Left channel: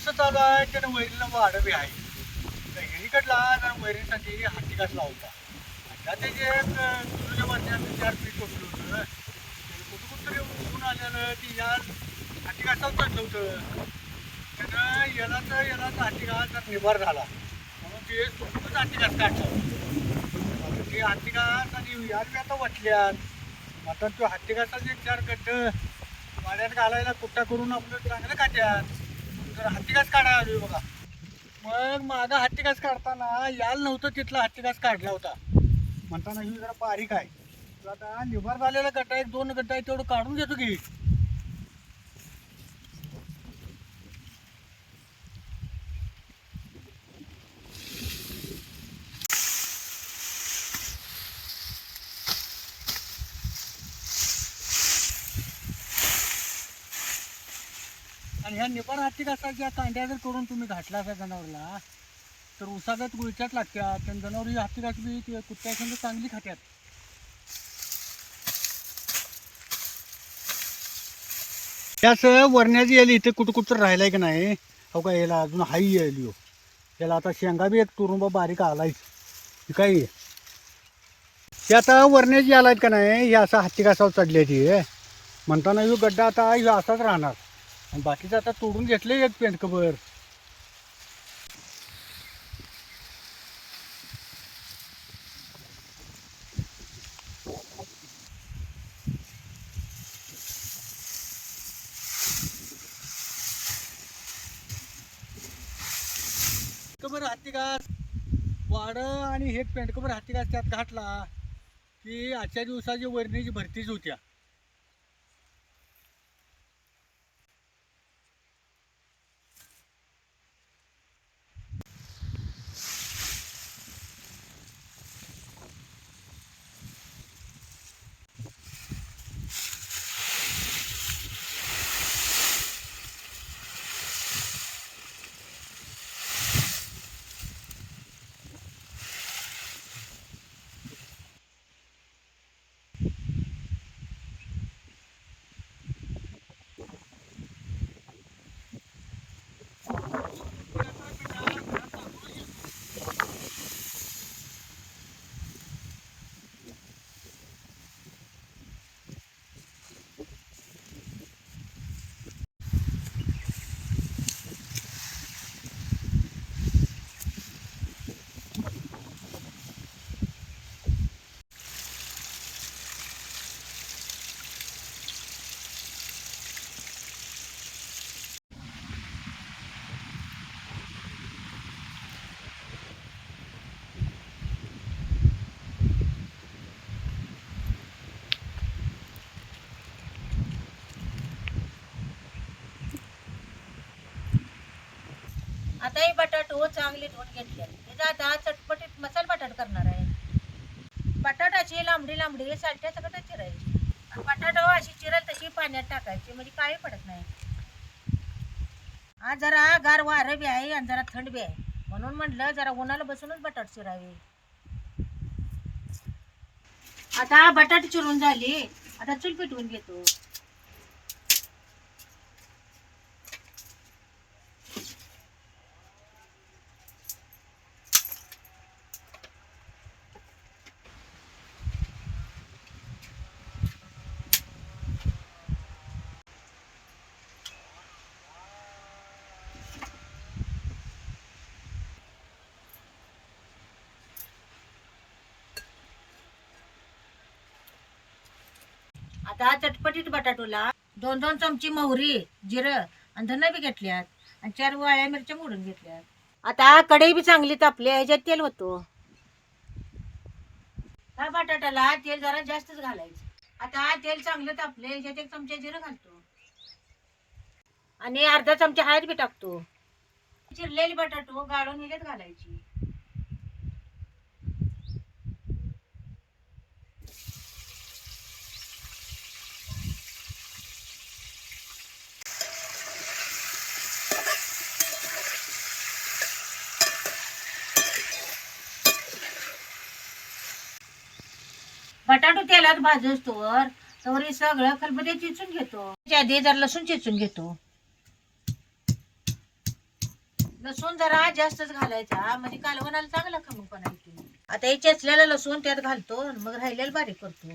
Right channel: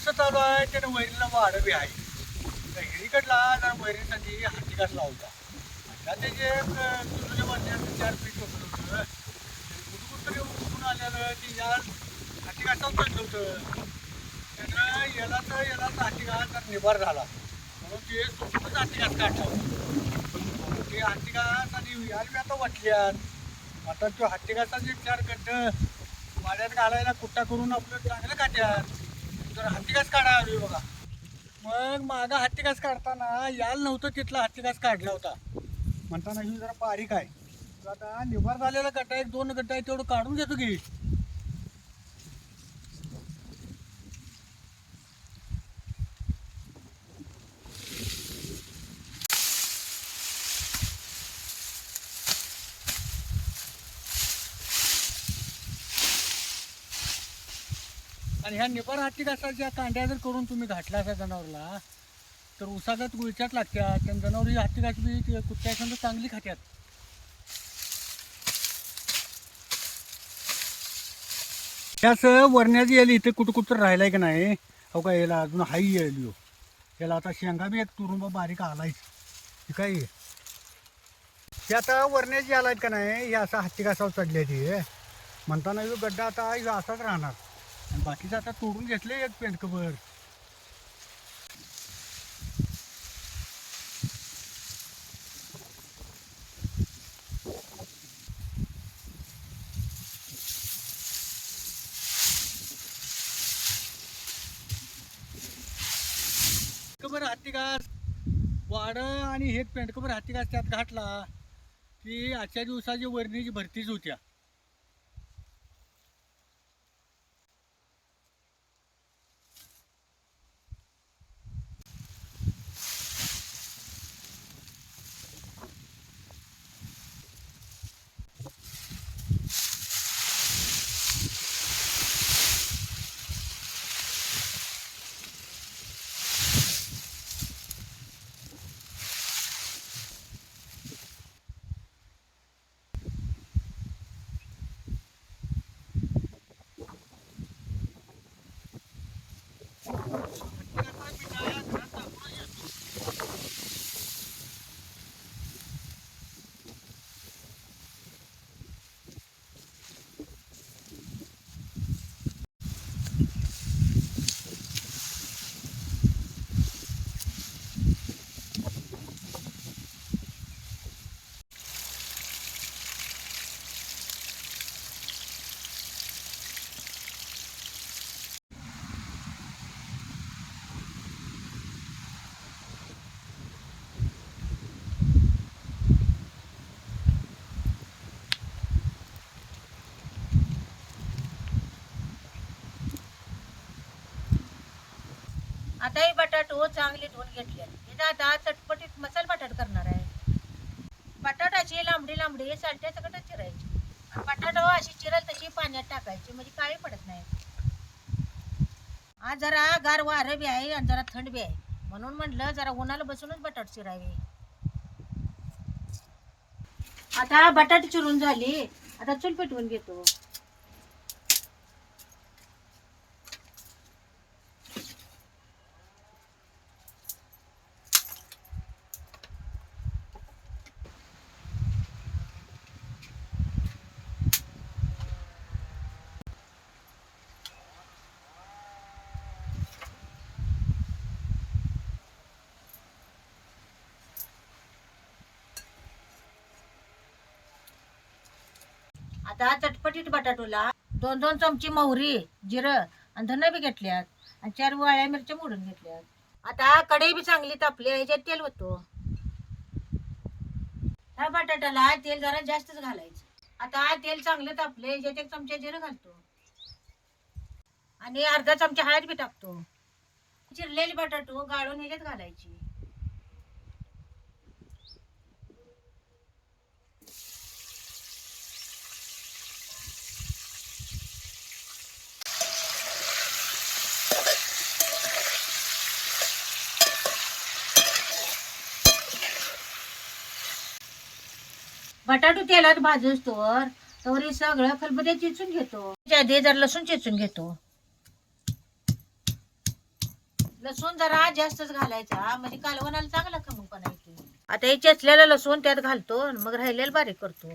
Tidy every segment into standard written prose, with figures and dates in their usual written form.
ऊस चालू आहे त्यानं वैरीला वाढ बी आहे. त्या हिरीकडला जरा वैरीसाठी हातीकास लावता. आता त्याचे एक तुझ्या वर्षाचं 4 पीठ टोकलं होतं. त्याने कुठं तरी ऊन आलेलं ती या हातीकासावर चढलं होतं. त्यानं यालाच हातीकास जर निभार झाला म्हणून ते सुटूनच हातीकास काढला होता. आता ते हातीकास आणि यार आता वाटल्यात. आता तो हत्तीकासाचे 4 गड्ड वाड्यात घालायला कुट्टा करून आपलं चांगलं काट्यात जर हत्तीकास काढायला आलोय बघा. मग माझा हत्तीकास काढताना याल नव्हतं तिथला हत्तीकास काढला होता म्हणताना ही जरा बारीक आहे. तर आता निभार झालेला गड्डा 1-2 गड्डा आहे तेवढं काढून घेतो की. आणि ह्या निभार हत्तीकासाच्या कांड्या जर करून तुम्ही घातला असा जनावरला तर उसागत गुळच्यात लागतात. आणि जनावर ही हत्तीकास बी कुत्त्यासंग चांगली खात्यात. त्याच वरण्याची यायला इथे कुठं राहिलाय की नाही हो का. याला अजून हाई यायली हो. याला आता शेंगा बी एक तुरुंबा बारीक आलाय काय. हे आता वरण्याची आलायत का नाही हे असं हत्तीकासावर चढल्याची म्हणताना ह्यो गड्डा आता ह्यो असाच राहणार. आणि बाकीचं आता तोडून घेतले एक पेंडकभर. पेंडकभर हत्तीकास वाड आणि हे पेंडकभर हत्तीकास त्यात घातला की आजच्या दिवसाची वरणीची भरतीच होत्या. आता ही बटाटो चांगली धुवून घेतली. हे आता चटपटीत मसाला बटाट करणार आहे. बटाटाची लांबडी लांबडी सालट्या सकटच चिरायची. बटाटो अशी चिरल तशी पाण्यात टाकायची म्हणजे काळी पडत नाही. आज जरा गार वारं बी आहे आणि जरा थंड बी आहे म्हणून म्हटलं जरा उन्हाला बसूनच बटाट चिरावे. आता बटाट चिरून झाली. आता चूल पेटवून घेतो. आता चटपटीत बटाटोला 2-2 चमची मोहरी जिरं आणि धन बी घेतल्यात आणि 4 वाळ्या मिरच्या मोडून घेतल्यात. आता कढई बी चांगली तापली ह्याच्यात तेल होतो. ह्या बटाट्याला तेल जरा जास्तच घालायचं. आता तेल चांगलं तापलं ह्याच्यात 1 चमचा जिरं घालतो आणि अर्धा चमचा हळद बी टाकतो. चिरलेली बटाटो गाळून ह्याच्यात घालायची. बटाटो तेलात भाजूस्तोवर तर हे सगळं खलबत्यात चेचून घेतो. त्याच्या आधी जरा लसूण चेचून घेतो. लसूण जरा जास्तच घालायचा म्हणजे कालवणाला चांगला खमंगपणा येतो. आता हे चेचलेलं लसूण त्यात घालतो मग राहिलेलं बारीक करतो.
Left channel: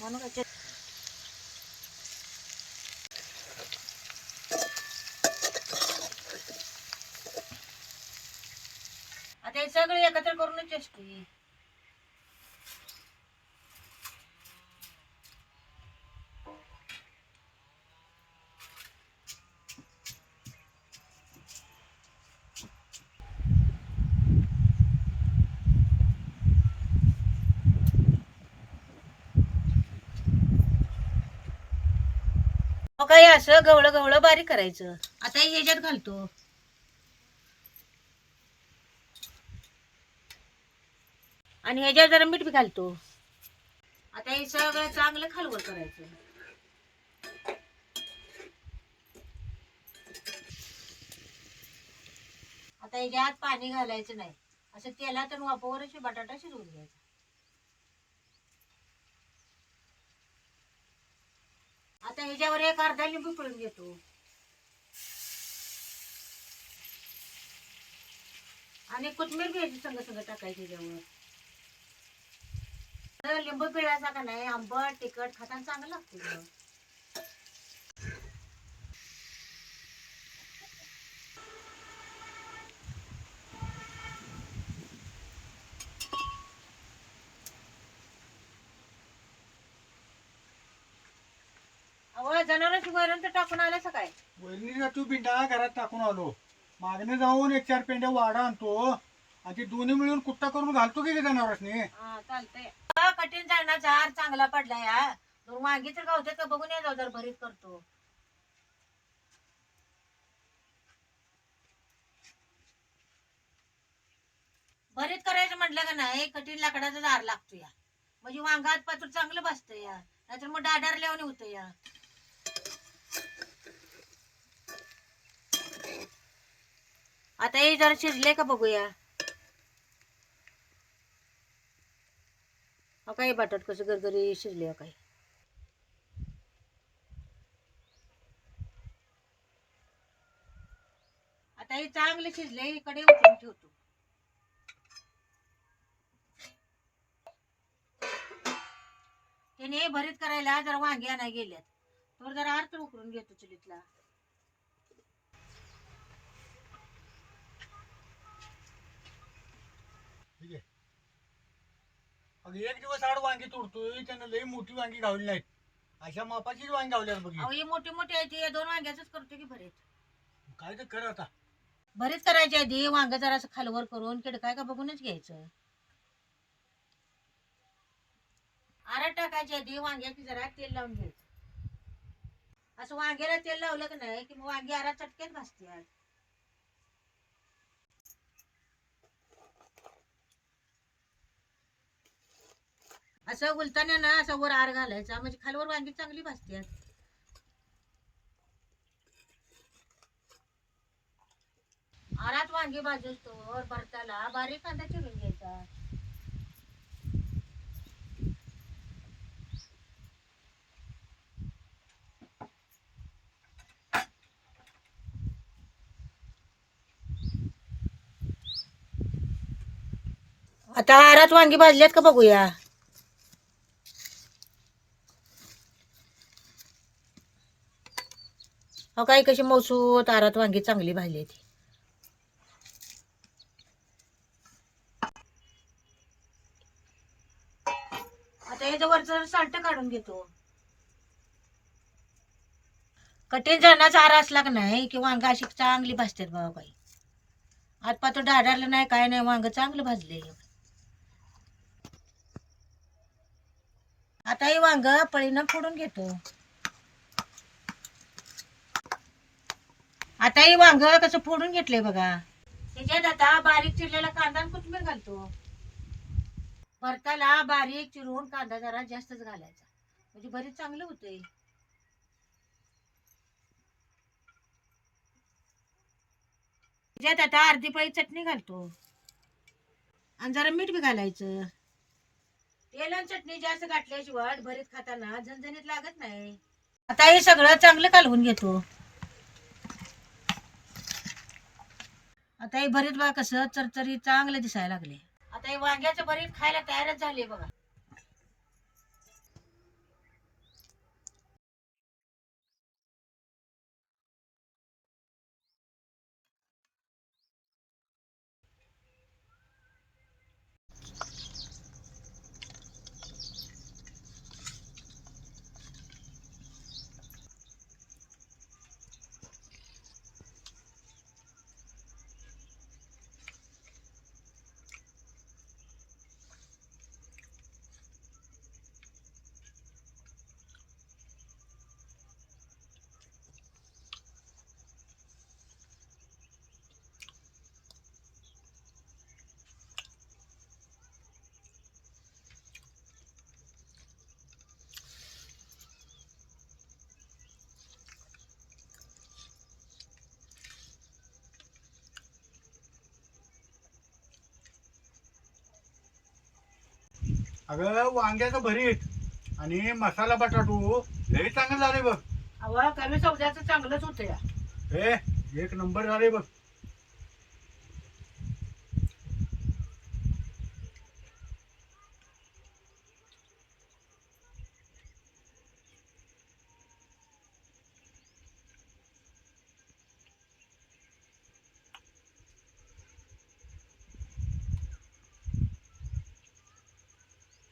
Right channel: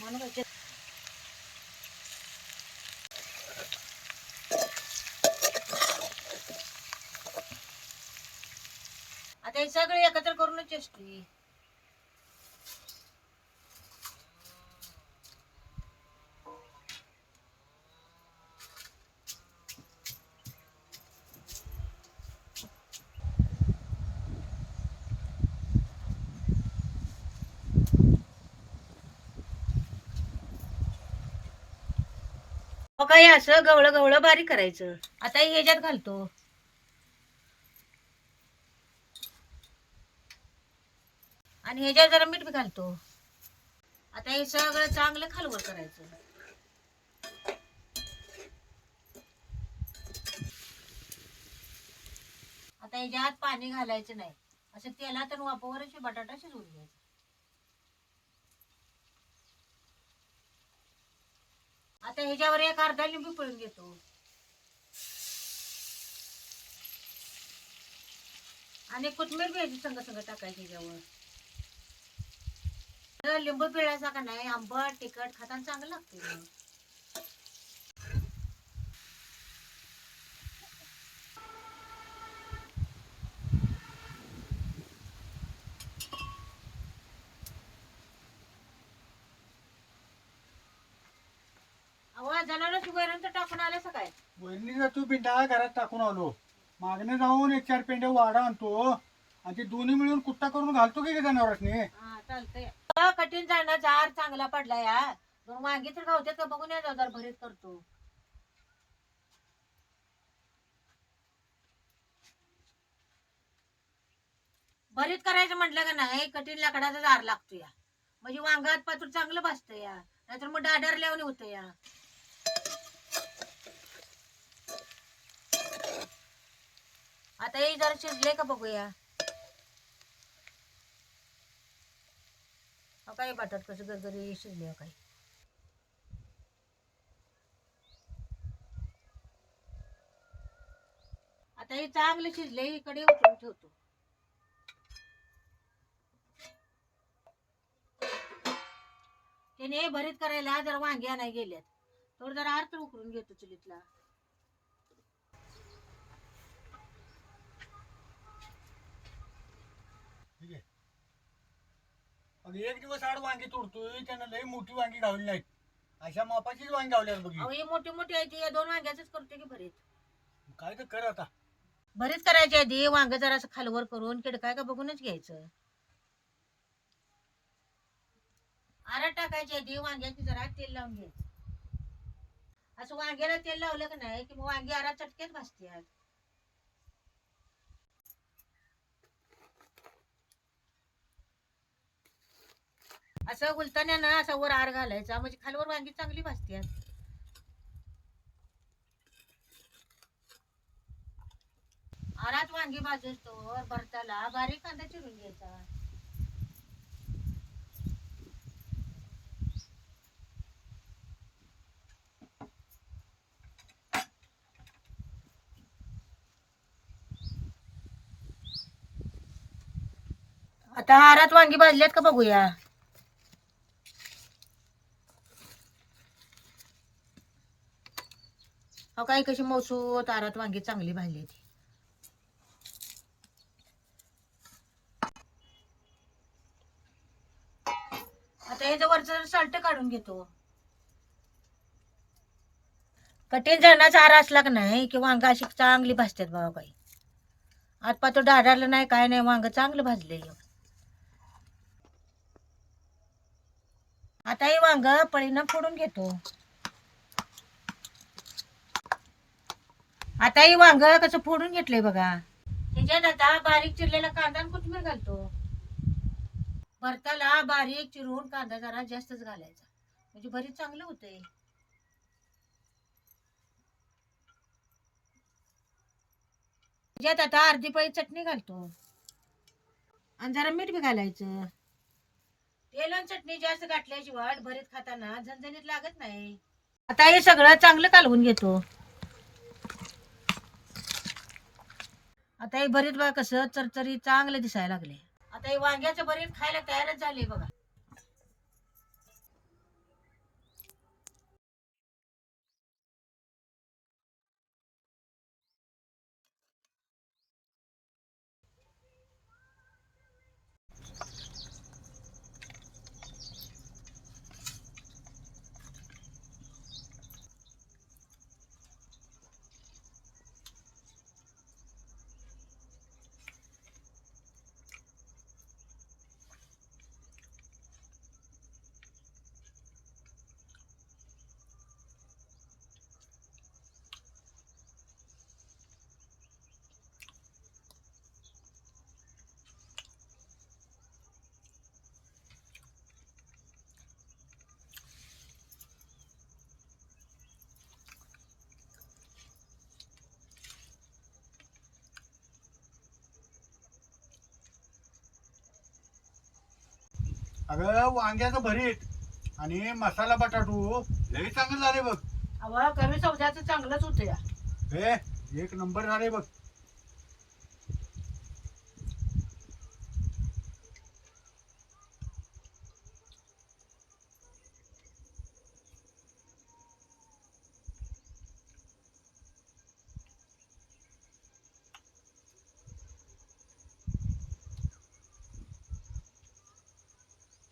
म्हणून आता हे सगळे एकत्र करूनच चेष्टी. काही असं गवळं गवळं बारीक करायचं. आता हे ह्याच्यात घालतो आणि ह्याच्यात जरा मीठ बी घालतो. आता हे सगळं चांगलं खालवर करायचं. आता ह्याच्यात पाणी घालायचं नाही. असं तेलात आणि वाफेवरच बटाटा शिजवून घ्यायचा. आता ह्याच्यावर एक अर्धा लिंबू पिळून घेतो आणि कोथिंबीर घ्यायची संग संग टाकायची ह्याच्यावर. लिंबू पिळायचा का नाही आंबट तिखट खाताना चांगलं लागते. अहो जनावरांची वैरण तर टाकून आला सकाळी. वहिनीचा तू पिंडा घरात टाकून आलो. मागणे जाऊन 1-4 पेंड्या वाडा आणतो आणि ते दोन्ही मिळून कुट्टा करून घालतो की जनावरांनी. हा चालतंय. कठीण जाणार जार चांगला पडला या. दोन वांगी तर गावतात का बघून या जाऊ जर भरीत करतो. भरीत करायचं म्हटलं का नाही कठीण लाकडाचा दार लागतो या. म्हणजे वांगात पातूर चांगलं भाजतं या. नाहीतर मग डाडारल्यावानी होतं या. आता हे जरा शिजले का बघूया. काही बटाट कसं गरगरी शिजले काही. आता हे चांगलं शिजले इकडे उठून ठेवतो. त्याने भरीत करायला जरा वांगी आणाय गेल्यात तर जरा अर्थ उकरून घेतो चुलीतला. ठीक आहे. अगं एक दिवस आड वांगी तोडतोय त्यानं लई मोठी वांगी गावली नाहीत. अशा मापाची वांगी गावल्यात बघ. अहो हे मोठी मोठी आहे ती दोन वांग्याच करतो की भरीत. काय तर कर आता. भरीत करायच्या आधी वांग जरा असं खालवर करून किडकाय का बघूनच घ्यायचं. आरात टाकायच्या आधी वांग्याची जरा तेल लावून घ्यायचं. असं वांग्याला तेल लावलं का नाही की मग वांगी आरात चटकेच भाजतात. असं उलताना ना असं वर आर घालायचा म्हणजे खालवर वांगी चांगली भाजतात. आरात वांगी भाजतो भरताला बारीक कांदा चिरून घ्यायचा. आता आरात वांगी भाजल्यात का बघूया. हो काही कशी मौसूत आरात वांगी चांगली भाजली ती. आता हे वरचं साल्ट काढून घेतो. कठीण जणाचा आरा असला का नाही की वांग अशी चांगली भाजतात बाबा काही. आतपा तो डाळाला नाही काय नाही वांग चांगलं भाजले. आता हे वांग पळीनं फोडून घेतो. आता हे वांग कसं फोडून घेतलंय बघा. त्याच्यात आता बारीक चिरलेला कांदा आणि कोथिंबीर घालतो. भरताला बारीक चिरून कांदा जरा जास्तच घालायचा म्हणजे भरीत चांगलं होतंय. त्याच्यात आता अर्धी पळी चटणी घालतो आणि जरा मीठ बी घालायचं. तेल आणि चटणी जास्त घातल्याशिवाय भरीत खाताना झणझणीत लागत नाही. आता हे सगळं चांगलं कालवून घेतो. आता हे भरीत बघा कसं चरचरी चांगलं दिसायला लागले. आता हे वांग्याचं भरीत खायला तयारच झाले बघा. अगं वांग्याचं भरीत आणि मसाला बटाटू लय चांगलं झाले बघ. अवा कमी सौद्याचं चांगलंच होतं या. हे एक नंबर झाले बघ.